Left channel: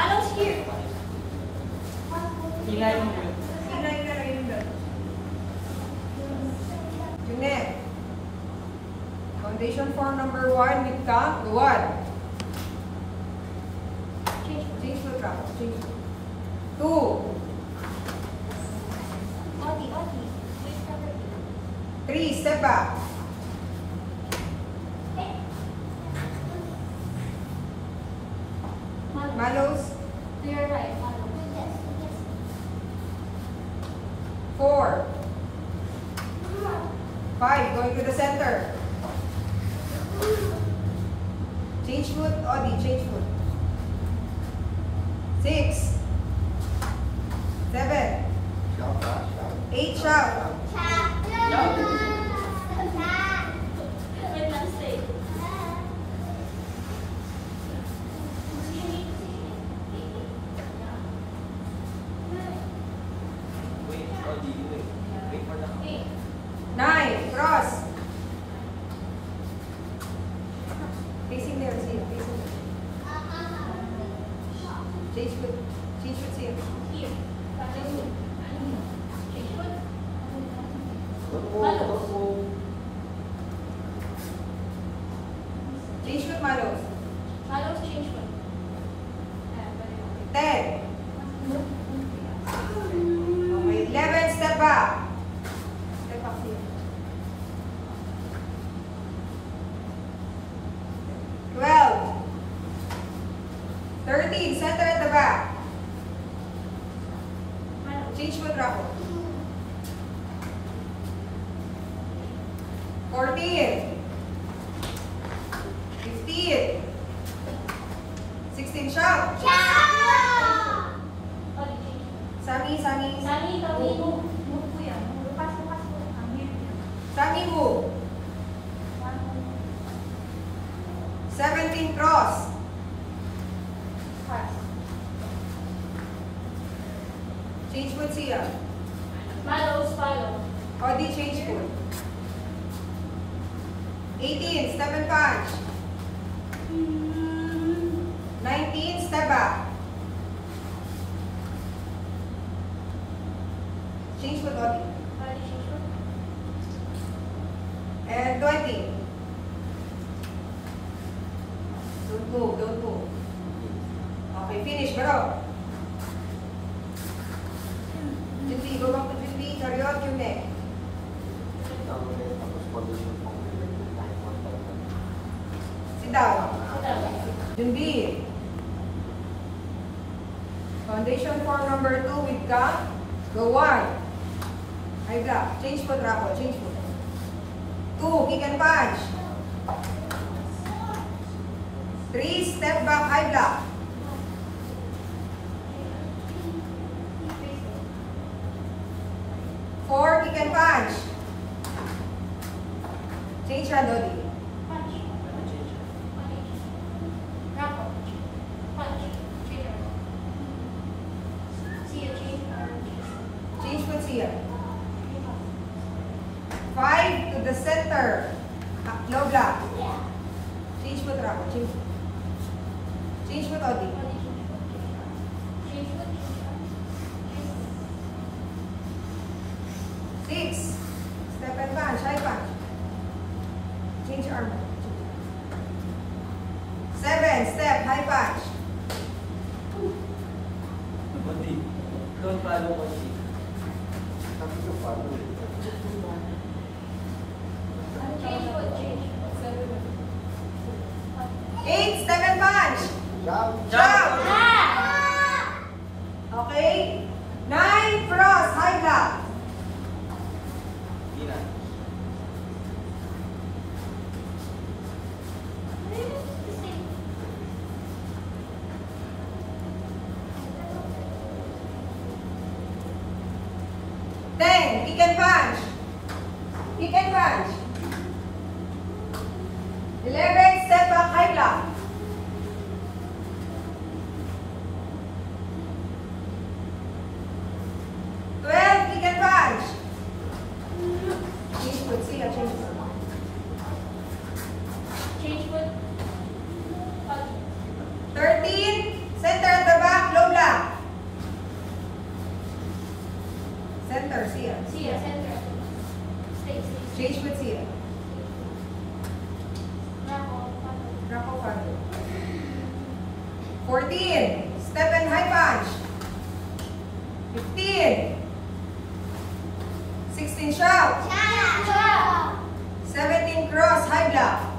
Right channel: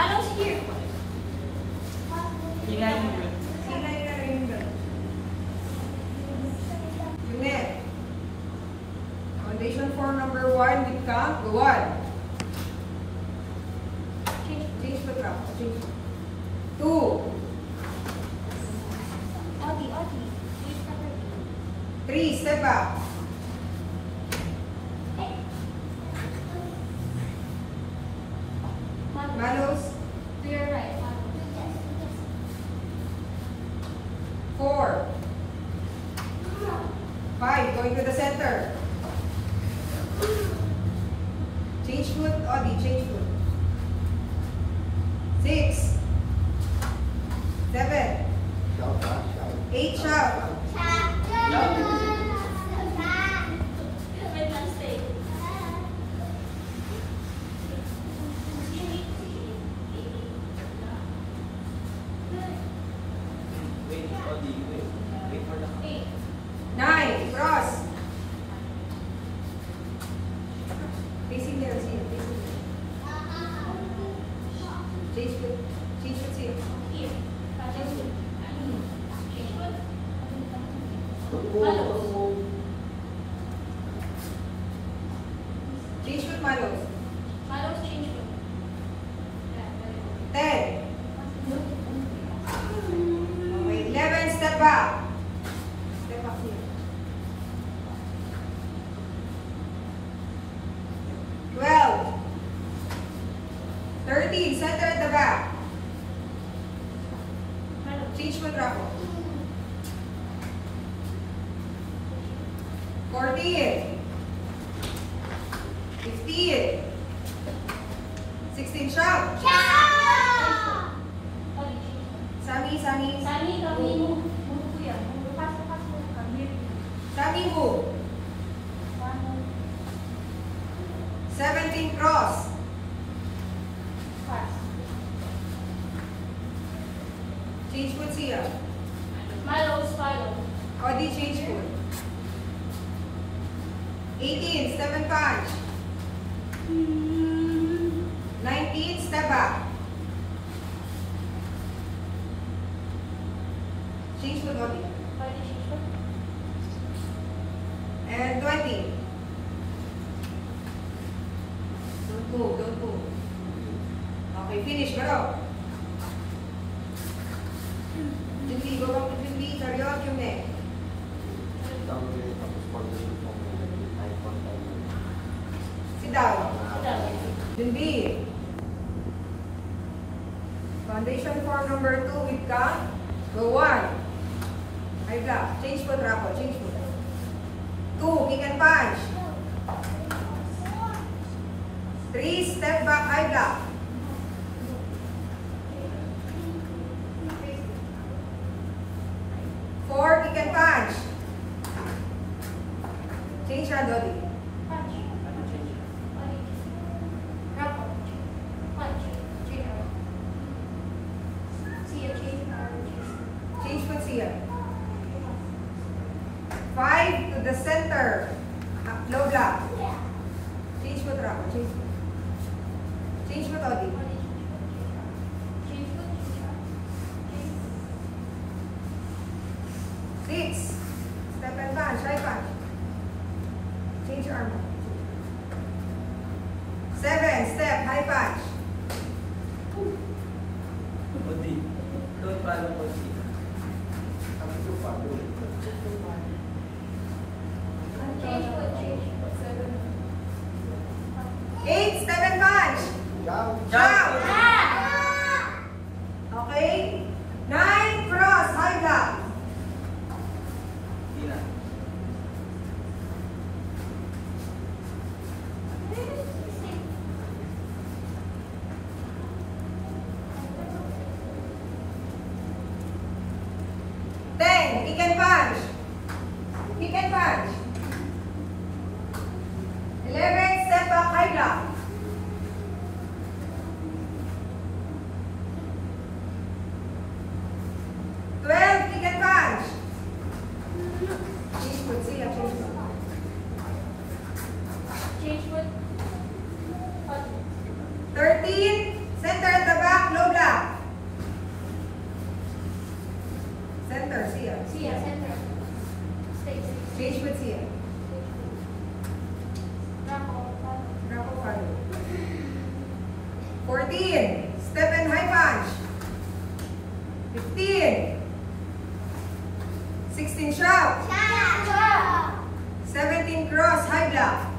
Malos here. Sila yun. Junet. Foundation form number 1 with count. Go on. Change foot wrap. Change. 2. Oti. 3. Step back. Malos. To your right. 4. 5. Going to the center. Change foot. Odi. Change foot. 6. 7. 8. Shout. Wait lang, stay. Wait for the 9. Cross. Facing there. See. Facing there. Change foot. Change foot. See. Here. Change foot. Malos. Change foot, Malos. Malos, change foot. 10. Okay. 11. Step back. Step back here. 12. 13. Center at the back. Change foot, Rapo. 14. 15. 16. Shout. Sami. Sani, kami mo. Move po yan. Lupas mo lang kami. Sami move. 17. Cross. Pass. Change foot siya. Malos, follow. Odi, change foot. 18. Step and punch. 19. Step back. Change foot, Odi. Odi, change foot. And 20. Don't move. Okay, finish. Go. Junbi, go back to Junbi. Chariot, yung neck. Sit down. Junbi. Foundation form number 2 with count. Go 1. High block. Change foot, Rapo. Change foot. 2. Kick and punch. 3. Step back. High block. 4. Kick and punch. Change your Dodi. Punch. Rapo. Punch. Change arm. See ya, change arm. Change foot siya. 5 to the center. Low block. Change foot, Rapo. Change foot. Change foot, Odi. Change foot, change arm. 6. Step and punch. High punch. Change your arm. 7. Step. High punch. Odi. Don't follow Odi. Change foot, change. 8. Step and punch. Jump. Okay. 9. Cross. High block. Sila. 10. Kick and punch. Kick and punch. 11. Step back. High block. 12. Kick and punch. Change foot. See ya. Change foot. Change foot. 13. Center at the back. Sia. Sia, center. Stay. Change with Sia. Draco. Draco, follow. 14. Step and high punch. 15. 16 shout. 17 cross, high block.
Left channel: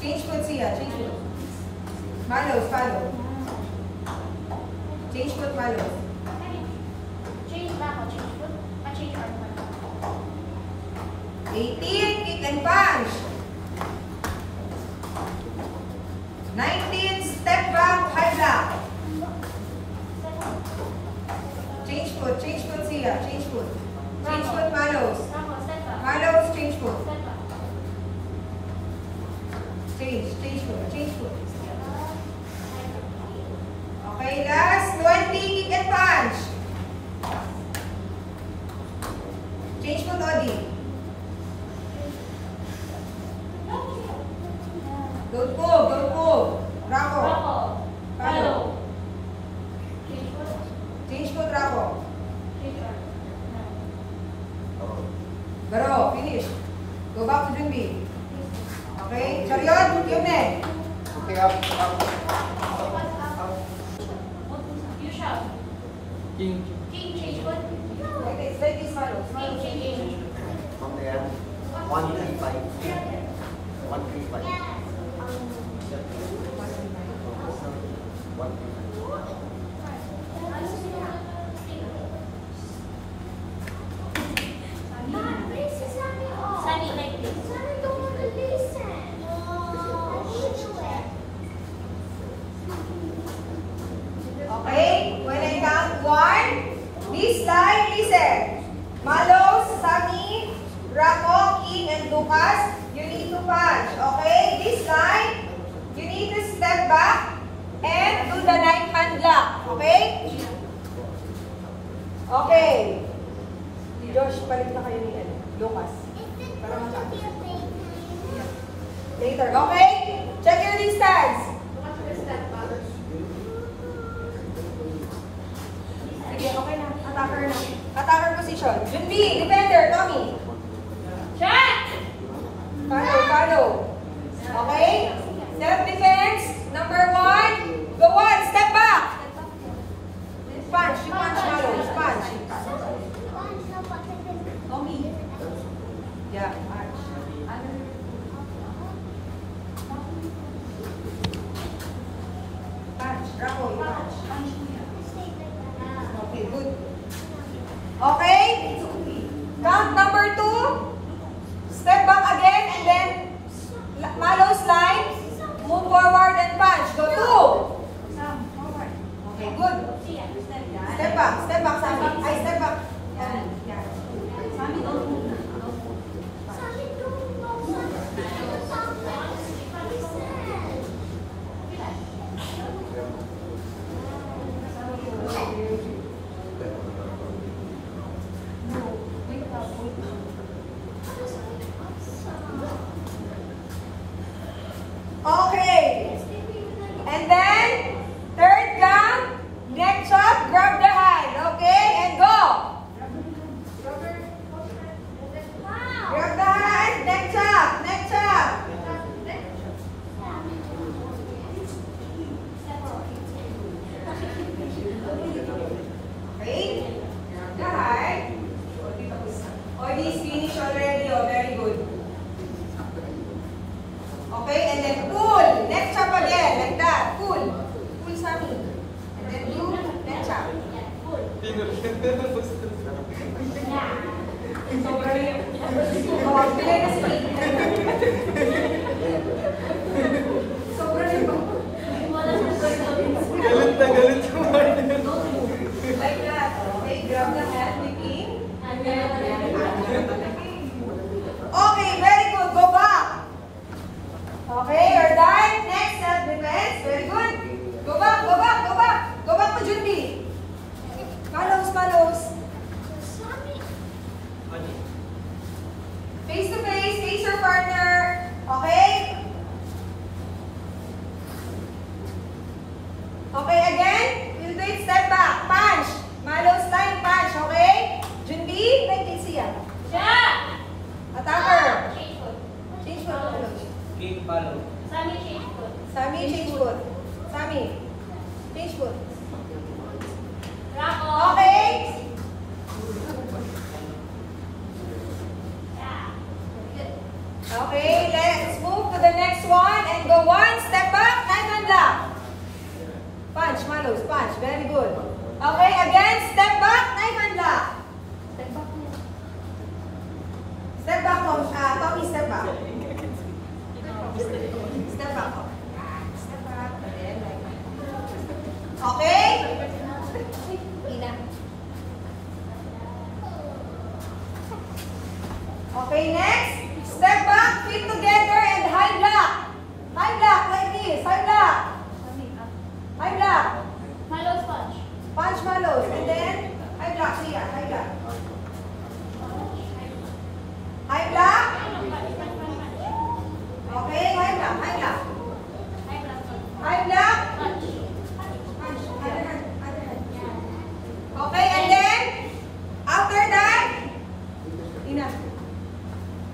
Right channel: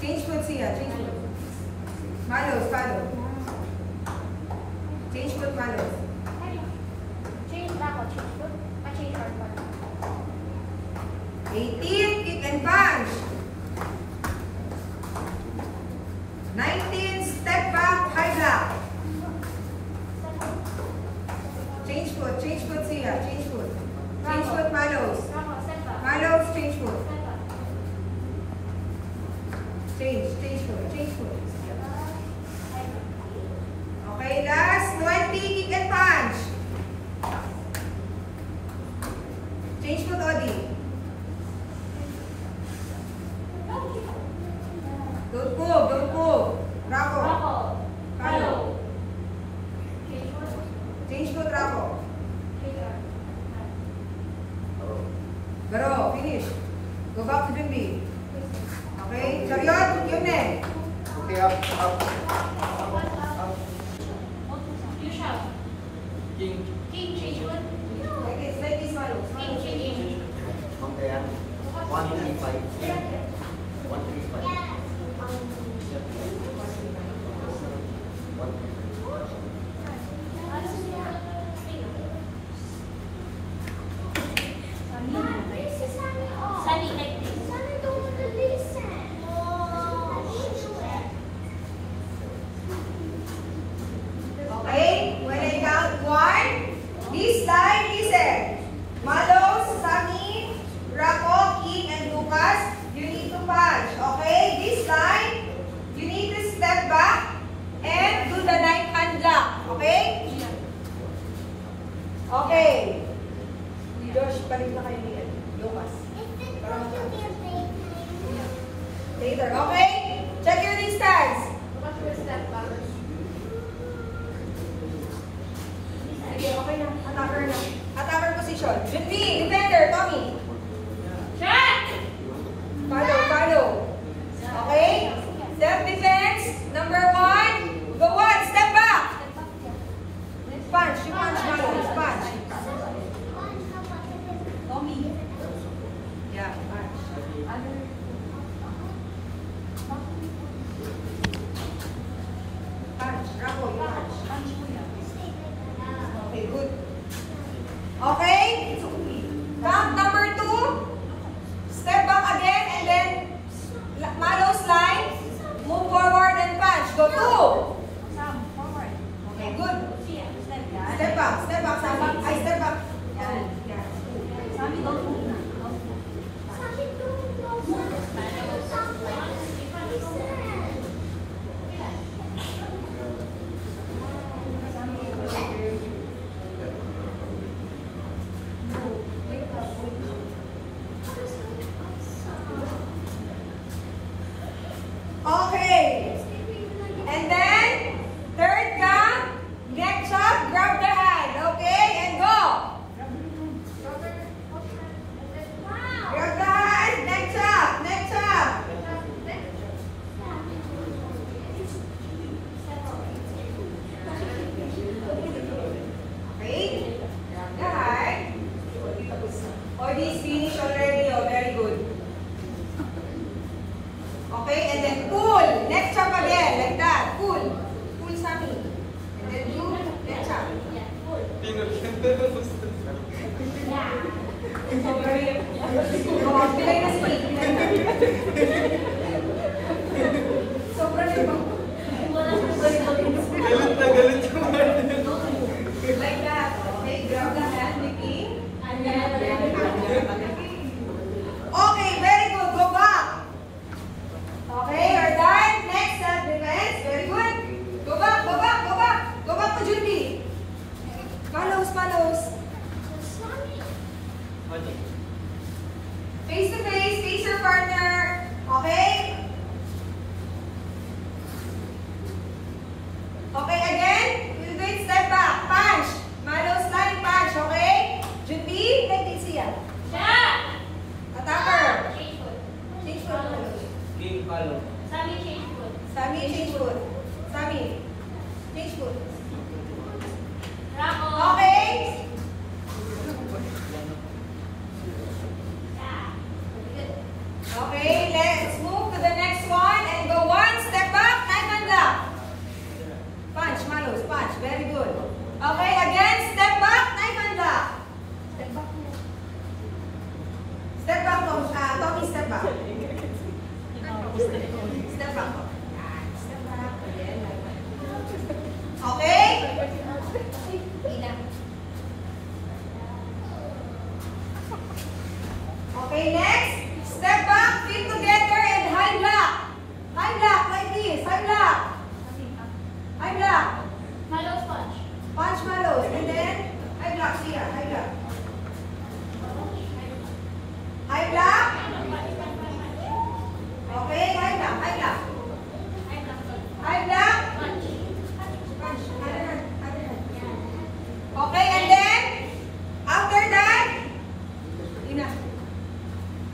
Change foot Sia, change foot. Malos, follow. Change foot, Malos. Change Draco, change foot. Change arm. 18, kick and punch. 19, step back, high block. Change foot Sia, change foot. Change foot, Malos. Draco, center. Malos, change foot. Center. Change foot. Okay, last 20, kick and punch. Change foot, Odi. Don't move. Draco. Draco. Follow. Change foot. Change foot, Draco. Change arm. Baro, finish. Go back to Jumbi. Okay, Chariot, yun eh. Okay, up. You shout. King. King, change foot. Like this, Malos. King, change. Compare. 135. 135. Sunny, like this. Okay, when I count 1, this time, listen. Malos, Sami, Draco, King, and Lucas, you need to punch. Okay? Sammy, change foot. Sammy, change foot. Rako. Okay? Okay, let's move to the next one and go one step back, knife and block. Punch, Malos, punch. Very good. Okay, again, step back, knife and block. Step back, Tommy, step back. Step back. Step back. Again. Okay? Okay, next. Step back, feet together, and high block. High block, like this. High block. High block. Malo sponge. Punch Malos. And then, high block. Siya, high block. High block. Okay, high block, high block. High block. Punch. Other hand, other hand. Okay, and then, after that, Ina.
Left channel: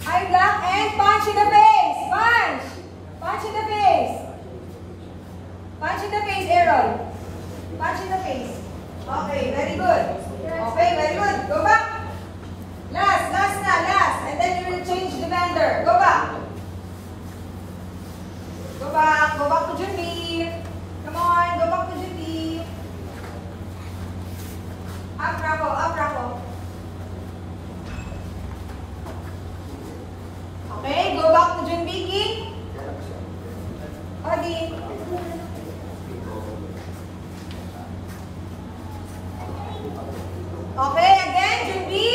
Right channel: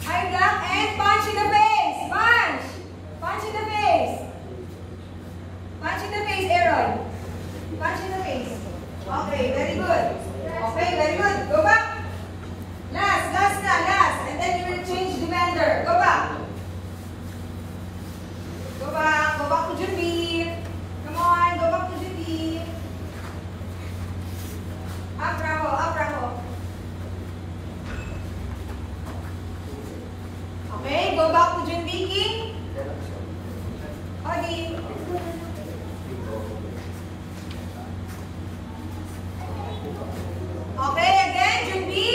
High block and punch in the face. Punch. Punch in the face. Punch in the face, Aaron. Punch in the face. Okay, very good. Okay, very good. Go back. Last na, last. And then you will change the vendor. Go back. Go back. Go back to Junbi. Come on, go back to Junbi. Up, Rako. Up, Rako. Okay, go back to Junbi, King. Odi. Okay, again, Junbi.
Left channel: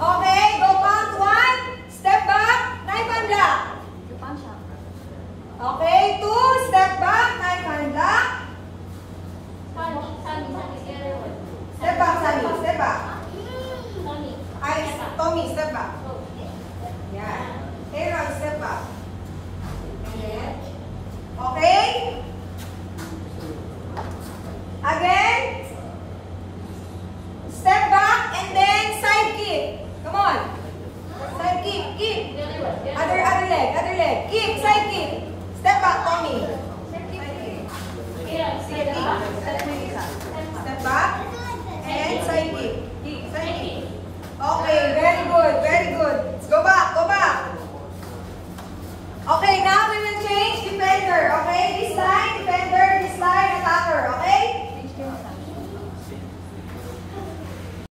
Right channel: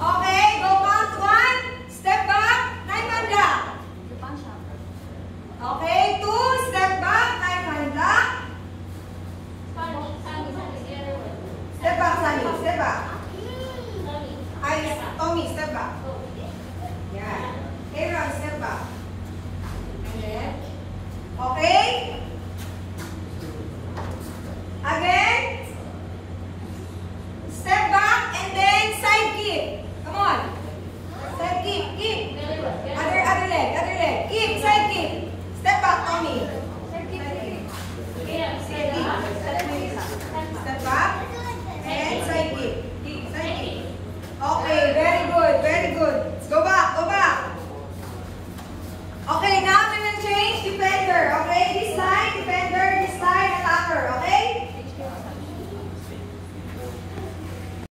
Okay, go count one. Step back, knife and block. Okay, two, step back, knife and block. Step back, Sunny, step back. Tommy, step back. Yeah. Aaron, step back. And then, okay. Again. Step back and then side kick. Come on. Side kick, kick. Other leg, other leg. Kick, side kick. Step back, Tommy.